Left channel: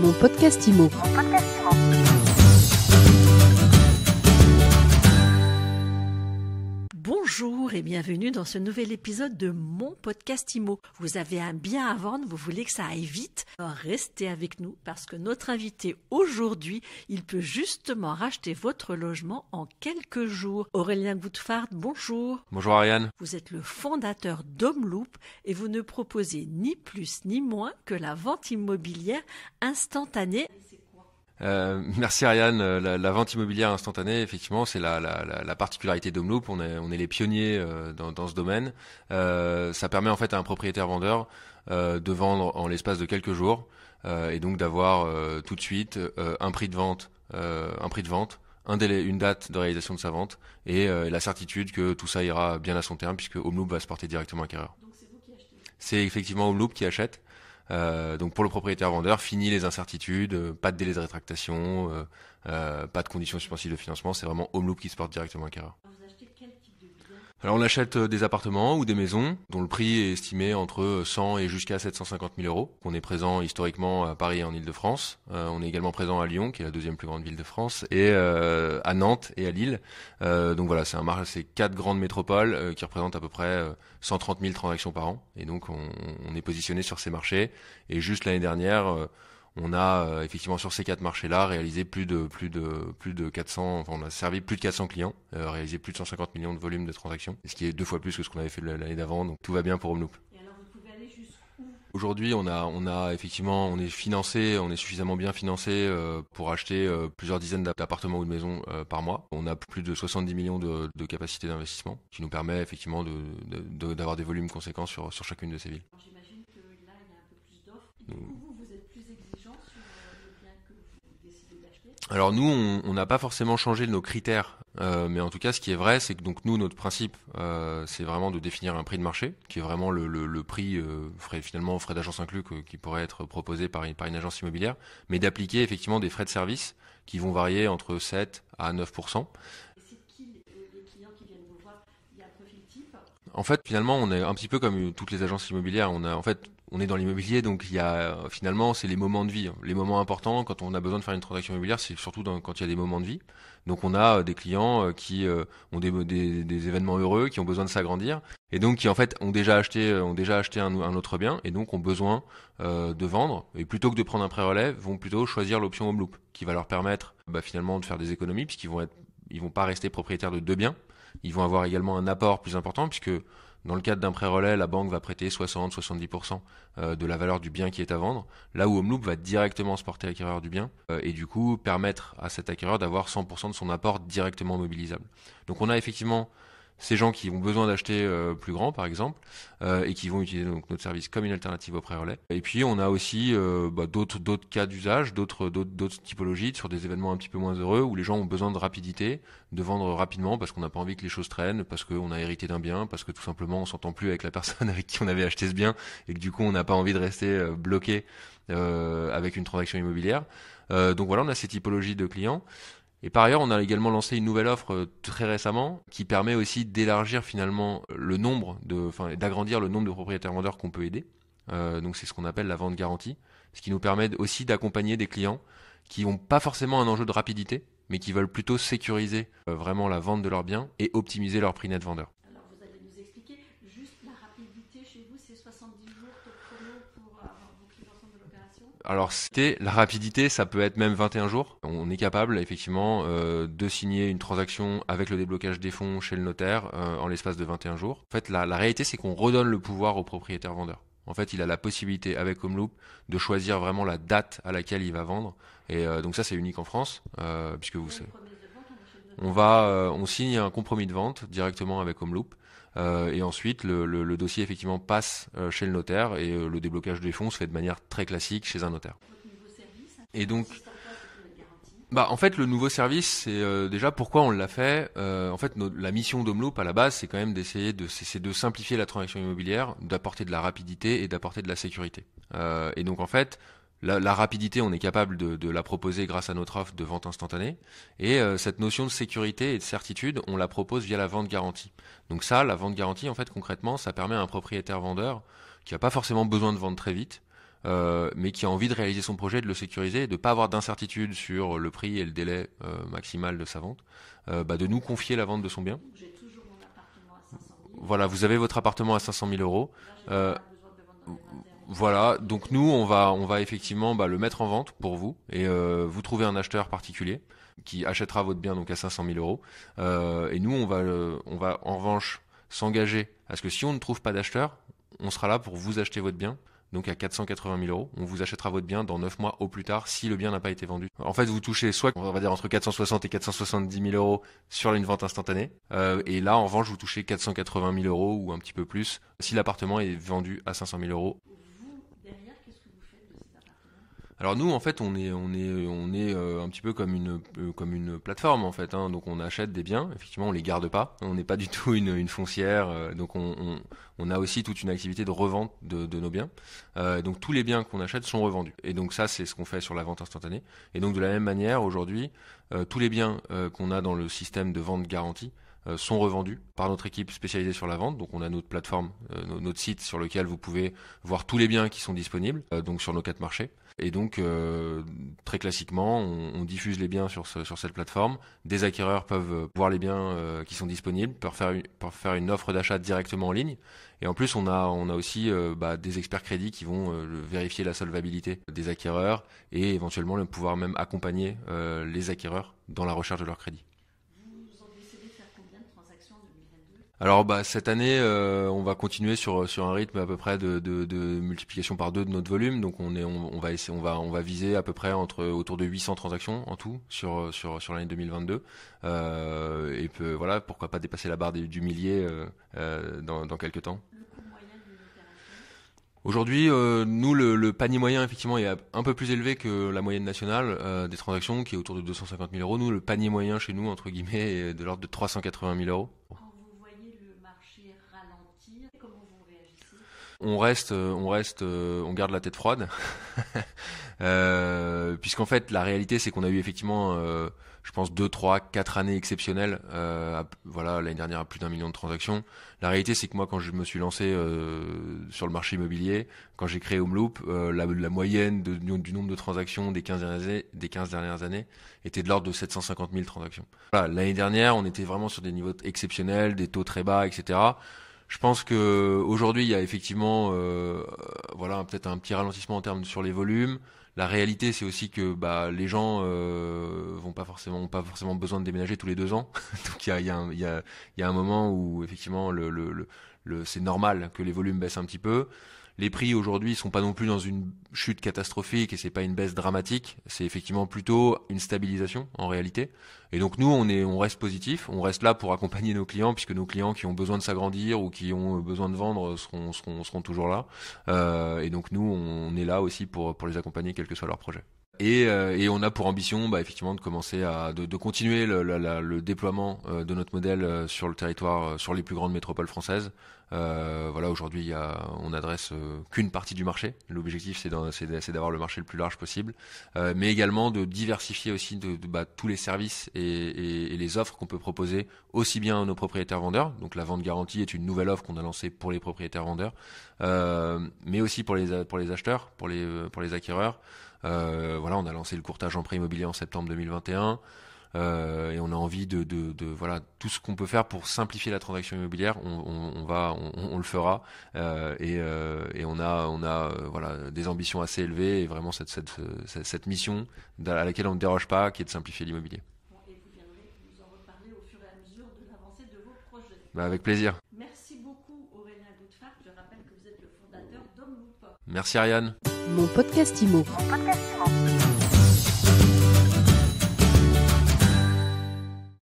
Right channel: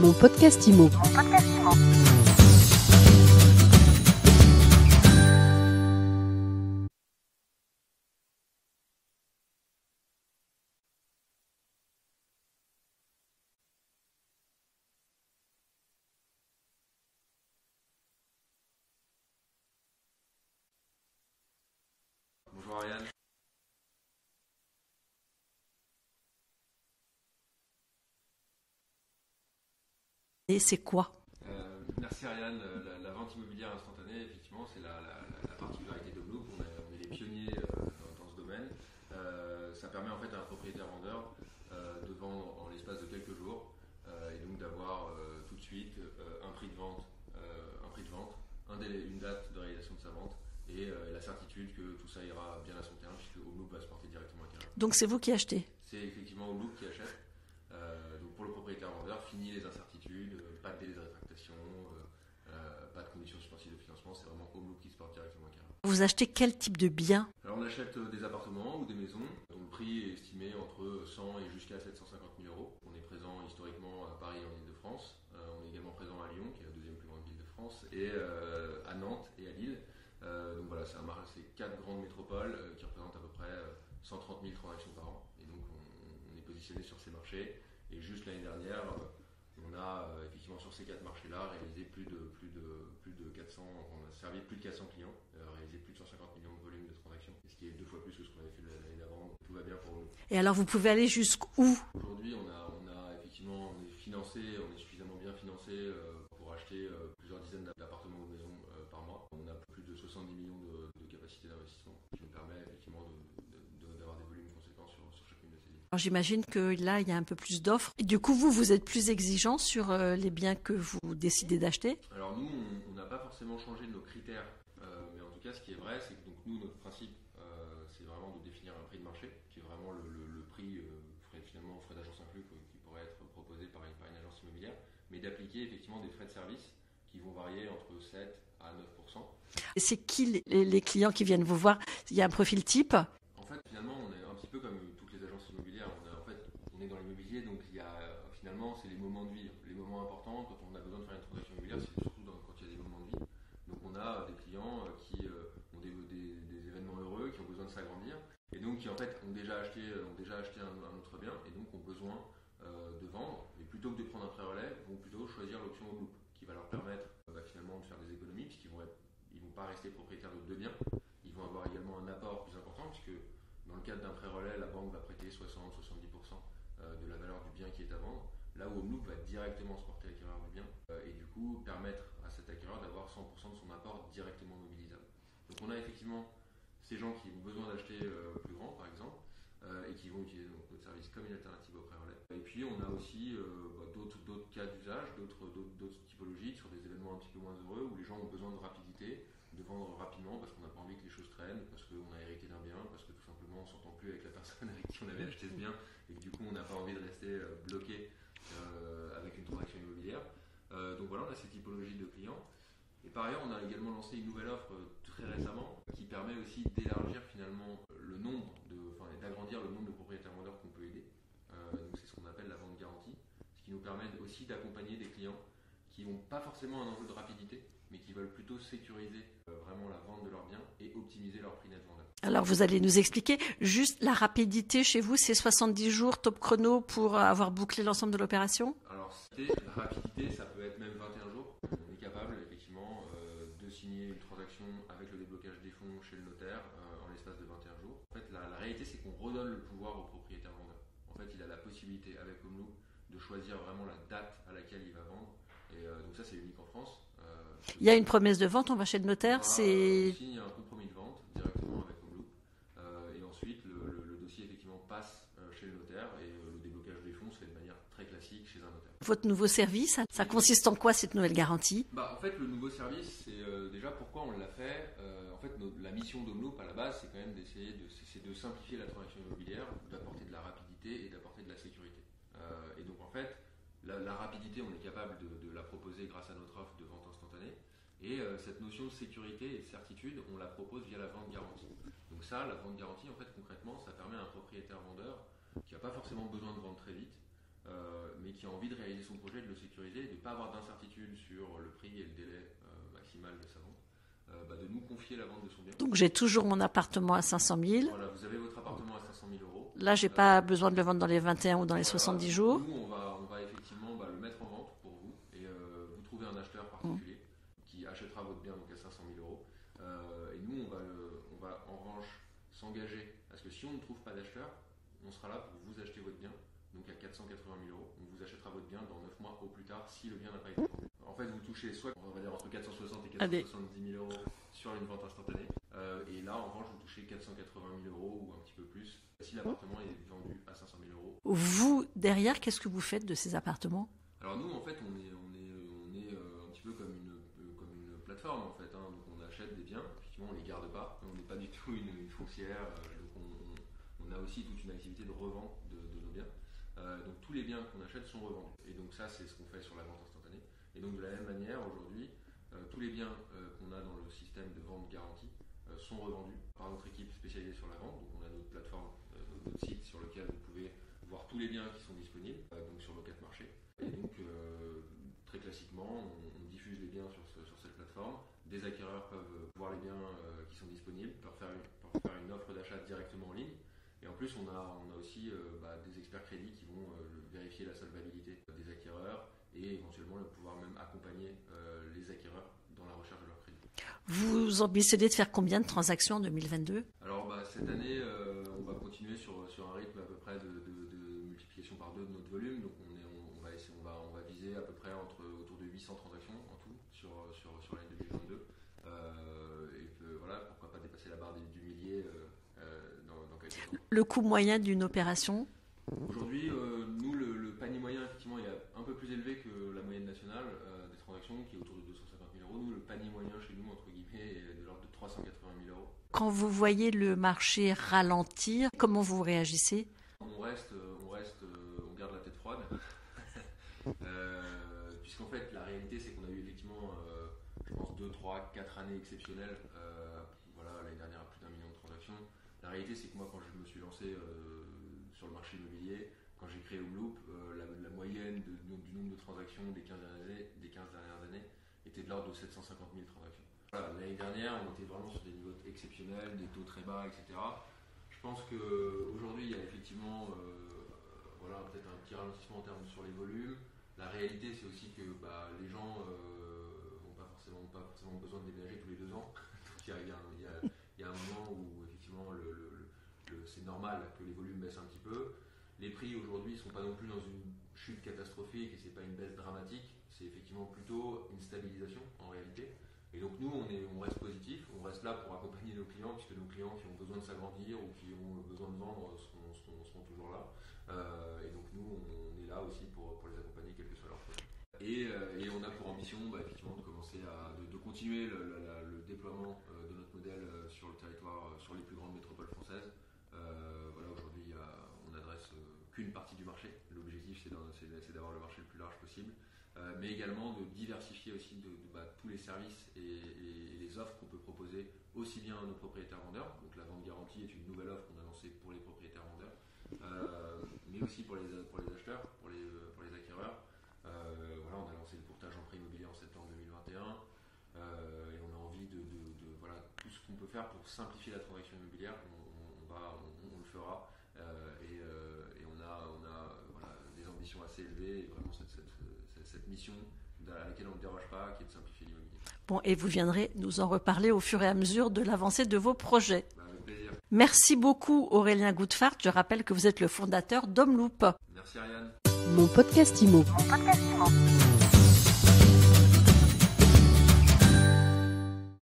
Mon podcast IMO. Bonjour et bienvenue dans ce nouvel épisode de Mon podcast IMO. Vous avez un bien à vendre, vous voulez que ça aille vite? Alors restez avec nous parce que notre invité aujourd'hui, il peut justement racheter votre logement en quelques jours. Aurélien Goutfard, bonjour. Bonjour Ariane. Vous êtes le fondateur d'Homeloop et vous ne proposez ni plus ni moins que la vente immobilière instantanée. Et c'est quoi ? Merci Ariane. La vente immobilière instantanée, effectivement, c'est la particularité d'Homeloop. On est les pionniers dans ce domaine. Ça permet en fait à un propriétaire vendeur de vendre en l'espace de quelques jours et donc d'avoir tout de suite un prix de vente, un délai, une date de réalisation de sa vente et la certitude que tout ça ira bien à son terme puisque Homeloop va se porter directement acquéreur. Donc c'est vous qui achetez ? C'est effectivement Homeloop qui achète. Donc pour le propriétaire vendeur, fini les incertitudes, pas de délai de rétractation, pas de conditions suspensives de financement, c'est vraiment Homeloop qui se porte directement acquéreur. Vous achetez quel type de bien ? Alors on achète des appartements ou des maisons dont le prix est estimé entre 100 et jusqu'à 750 000 euros. On est présent historiquement à Paris et en Île-de-France. On est également présent à Lyon, qui est la deuxième plus grande ville de France, et à Nantes et à Lille. Donc voilà, c'est 4 grandes métropoles qui représentent à peu près 130 000 transactions par an. Et donc on est positionné sur ces marchés. Et juste l'année dernière, on a effectivement sur ces 4 marchés-là réalisé plus de 400, enfin on a servi plus de 400 clients, réalisé plus de 150 millions de volume de transactions, ce qui est 2 fois plus que ce qu'on avait fait l'année d'avant, donc tout va bien pour Homeloop. Et alors vous pouvez aller jusqu'où ? Aujourd'hui on a effectivement, on est financé, on est suffisamment bien financé pour acheter plusieurs dizaines d'appartements ou de maisons par mois. On a plus de 70 millions de capacité d'investissement, qui nous permet effectivement d'avoir des volumes conséquents sur chacune de ces villes. Alors j'imagine que là il y a un peu plus d'offres. Et du coup vous êtes plus exigeant sur les biens que vous décidez d'acheter ? Alors nous, on n'a pas forcément changé nos critères, mais en tout cas, ce qui est vrai, c'est que donc nous, notre principe, c'est vraiment de définir un prix de marché, qui est vraiment le prix, finalement, frais d'agence inclus, qui pourrait être proposé par une agence immobilière, mais d'appliquer effectivement des frais de service qui vont varier entre 7 à 9%. Et c'est qui les clients qui viennent vous voir ? Il y a un profil type ? En fait, finalement, on est un petit peu comme toutes les agences immobilières. On est dans l'immobilier, donc finalement, c'est les moments de vie. Les moments importants, quand on a besoin de faire une transaction immobilière, c'est surtout quand il y a des moments de vie. Donc on a des clients qui ont des événements heureux, qui ont besoin de s'agrandir, et donc qui en fait ont déjà acheté un autre bien, et donc ont besoin de vendre, et plutôt que de prendre un pré-relais, vont plutôt choisir l'option Homeloop, qui va leur permettre finalement de faire des économies, puisqu'ils vont pas rester propriétaires de 2 biens. Ils vont avoir également un apport plus important, puisque dans le cadre d'un pré-relais, la banque va prêter 60-70% de la valeur du bien qui est à vendre, là où Homeloop va directement se porter acquéreur du bien et du coup permettre à cet acquéreur d'avoir 100% de son apport directement mobilisable. Donc on a effectivement ces gens qui ont besoin d'acheter plus grand, par exemple, et qui vont utiliser donc notre service comme une alternative au pré-relais. Et puis on a aussi d'autres cas d'usage, d'autres typologies sur des événements un petit peu moins heureux où les gens ont besoin de rapidité, de vendre rapidement parce qu'on n'a pas envie que les choses traînent, parce qu'on a hérité d'un bien, parce que tout simplement on s'entend plus avec la personne avec qui on avait acheté ce bien et que du coup on n'a pas envie de rester bloqué avec une transaction immobilière. Donc voilà, on a ces typologies de clients. Et par ailleurs, on a également lancé une nouvelle offre très récemment qui permet aussi d'élargir finalement d'agrandir le nombre de propriétaires vendeurs qu'on peut aider. Donc c'est ce qu'on appelle la vente garantie, ce qui nous permet aussi d'accompagner des clients qui n'ont pas forcément un enjeu de rapidité, mais qui veulent plutôt sécuriser vraiment la vente de leurs biens et optimiser leur prix net vendeur. Alors vous allez nous expliquer, juste la rapidité chez vous, c'est 70 jours top chrono pour avoir bouclé l'ensemble de l'opération ? Alors la rapidité, ça peut être même 21 jours. On est capable effectivement de signer une transaction avec le déblocage des fonds chez le notaire en l'espace de 21 jours. En fait, la réalité, c'est qu'on redonne le pouvoir au propriétaire vendeur. En fait, il a la possibilité avec Homeloop de choisir vraiment la date à laquelle il va vendre. Et donc ça, c'est unique en France. Il y a une promesse de vente, on va chez le notaire. On signe un compromis de vente directement avec Homeloop. Et ensuite, le dossier effectivement passe chez le notaire et le déblocage des fonds se fait de manière très classique chez un notaire. Votre nouveau service, ça consiste en quoi cette nouvelle garantie ? En fait, le nouveau service, c'est déjà pourquoi on l'a fait. En fait, la mission d'Homeloop à la base, c'est quand même c'est de simplifier la transaction immobilière, d'apporter de la rapidité et d'apporter de la sécurité. Et donc en fait, la rapidité, on est capable de la proposer grâce à notre offre de vente instantanée. Et cette notion de sécurité et de certitude, on la propose via la vente garantie. Donc ça, la vente garantie, en fait, concrètement, ça permet à un propriétaire vendeur qui n'a pas forcément besoin de vendre très vite, mais qui a envie de réaliser son projet, de le sécuriser, de ne pas avoir d'incertitude sur le prix et le délai maximal de sa vente, de nous confier la vente de son bien. Donc j'ai toujours mon appartement à 500 000. Voilà, vous avez votre appartement à 500 000 euros. Là, j'ai pas besoin de le vendre dans les 21 ou dans les Voilà, 70 donc jours. nous, on va effectivement le mettre en vente pour vous et vous trouvez un acheteur particulier qui achètera votre bien donc à 500 000 euros. Et nous, on va en revanche s'engager à ce que si on ne trouve pas d'acheteur, on sera là pour vous acheter votre bien. Donc à 480 000 euros, on vous achètera votre bien dans 9 mois au plus tard si le bien n'a pas été vendu. En fait, vous touchez soit, on va dire, entre 460 et 470 000 euros sur une vente instantanée. Et là, en revanche, vous touchez 480 000 euros ou un petit peu plus si l'appartement est vendu à 500 000 euros. Vous, derrière, qu'est-ce que vous faites de ces appartements ? Alors nous, en fait, on est un petit peu comme une plateforme, en fait. Donc on achète des biens, effectivement, on les garde pas. On n'est pas du tout une foncière. Donc on a aussi toute une activité de revente de nos biens. Donc tous les biens qu'on achète sont revendus. Et donc ça, c'est ce qu'on fait sur la vente instantanée. Et donc de la même manière, aujourd'hui, tous les biens qu'on a dans le système de vente garantie sont revendus par notre équipe spécialisée sur la vente. Donc on a notre plateforme, notre site sur lequel vous pouvez voir tous les biens qui sont disponibles, donc sur nos 4 marchés. Et donc, très classiquement, on diffuse les biens sur cette plateforme. Des acquéreurs peuvent voir les biens qui sont disponibles, peuvent faire une offre d'achat directement en ligne. Et en plus, on a aussi des experts crédits qui vont vérifier la solvabilité des acquéreurs et éventuellement pouvoir même accompagner les acquéreurs dans la recherche de leur crédit. Vous ambitionnez de faire combien de transactions en 2022 ? Alors cette année, on va continuer sur un rythme à peu près de multiplication par 2 de notre volume. Donc on va viser à peu près autour de 800 transactions en tout sur l'année 2022. Voilà, pourquoi pas dépasser la barre du millier dans quelques temps. Le coût moyen d'une opération ? Aujourd'hui, nous, le panier moyen, effectivement, est un peu plus élevé que la moyenne nationale des transactions, qui est autour de 250 000 euros. Nous, le panier moyen chez nous, entre guillemets, est de l'ordre de 380 000 euros. Quand vous voyez le marché ralentir, comment vous réagissez ? On garde la tête froide, puisqu'en fait, la réalité, c'est qu'on a eu effectivement, je pense, 2, 3, 4 années exceptionnelles. L'année dernière, plus d'1 million de transactions. La réalité, c'est que moi, quand je me suis lancé sur le marché immobilier, quand j'ai créé Homeloop, la moyenne du nombre de transactions des 15 dernières années était de l'ordre de 750 000 transactions. Voilà, l'année dernière, on était vraiment sur des niveaux exceptionnels, des taux très bas, etc. Je pense qu'aujourd'hui, il y a effectivement peut-être un petit ralentissement en termes sur les volumes. La réalité, c'est aussi que les gens n'ont pas forcément besoin de déménager tous les 2 ans. Donc il y a un moment où effectivement c'est normal que les volumes baissent un petit peu. Les prix aujourd'hui sont pas non plus dans une chute catastrophique et c'est pas une baisse dramatique. C'est effectivement plutôt une stabilisation en réalité. Et donc nous, on reste positif, on reste là pour accompagner nos clients, puisque nos clients qui ont besoin de s'agrandir ou qui ont besoin de vendre seront toujours là. Et donc nous, on est là aussi pour les accompagner, quel que soit leur projet. Et on a pour ambition effectivement de commencer de continuer le déploiement de notre modèle sur le territoire, sur les plus grandes métropoles françaises. Aujourd'hui, on n'adresse qu'une partie du marché. L'objectif, c'est d'avoir le marché le plus large possible, mais également de diversifier aussi tous les services et les offres qu'on peut proposer aussi bien à nos propriétaires vendeurs. Donc la vente garantie est une nouvelle offre qu'on a lancée pour les propriétaires vendeurs, mais aussi pour les acheteurs, pour les acquéreurs. On a lancé le courtage en prêt immobilier en septembre 2021. Et on a envie de tout ce qu'on peut faire pour simplifier la transaction immobilière, on le fera, et on a des ambitions assez élevées et vraiment cette mission à laquelle on ne déroge pas, qui est de simplifier l'immobilier. Bon, et vous viendrez nous en reparler au fur et à mesure de l'avancée de vos projets. Avec plaisir. Merci beaucoup Aurélien Goudfart. Je rappelle que vous êtes le fondateur d'Homeloop. Merci Ariane. Mon podcast IMO.